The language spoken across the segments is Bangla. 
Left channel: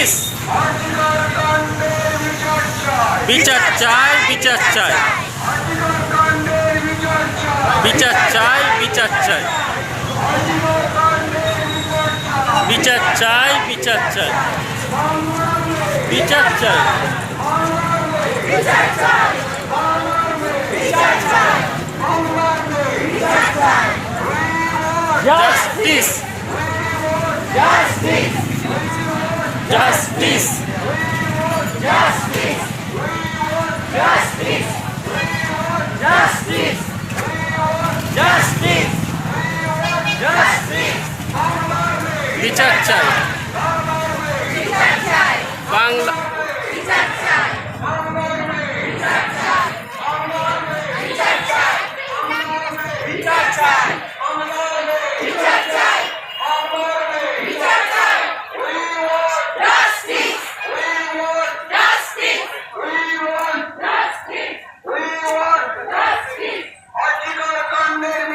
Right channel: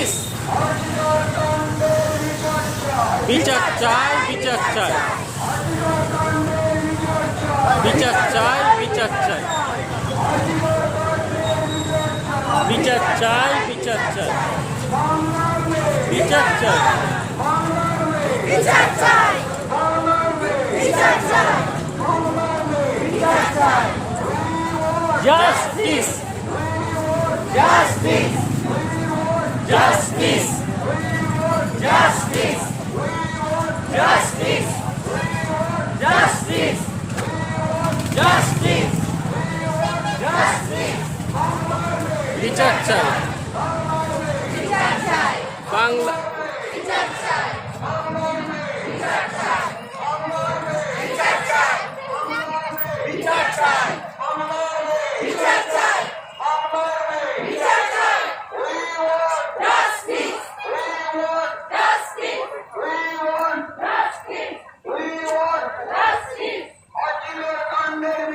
জাস্টিস বিচার চাই বিচার চাই বিচার চাই বিচার চাই বিচার চাই বিচার চাই বিচার চাই বিচার চাই বিচার চাই বিচার চাই justice justice justice justice justice justice justice justice বিচার চাই বিচার চাই বাংলা বিচার চাই বিচার চাই বিচার চাই বিচার চাই বিচার চাই বিচার চাই জাস্টিস জাস্টিস জাস্টিস জাস্টিস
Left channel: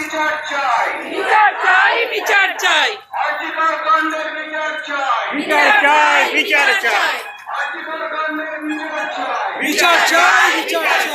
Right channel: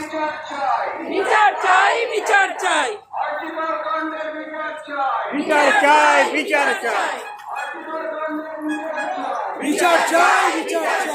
বিচার চাই বিচার চাই বিচার চাই আজিকার কাণ্ডের বিচার চাই বিচার চাই বিচার চাই আজিকার কাণ্ডের বিচার চাই বিচার চাই বিচার চাই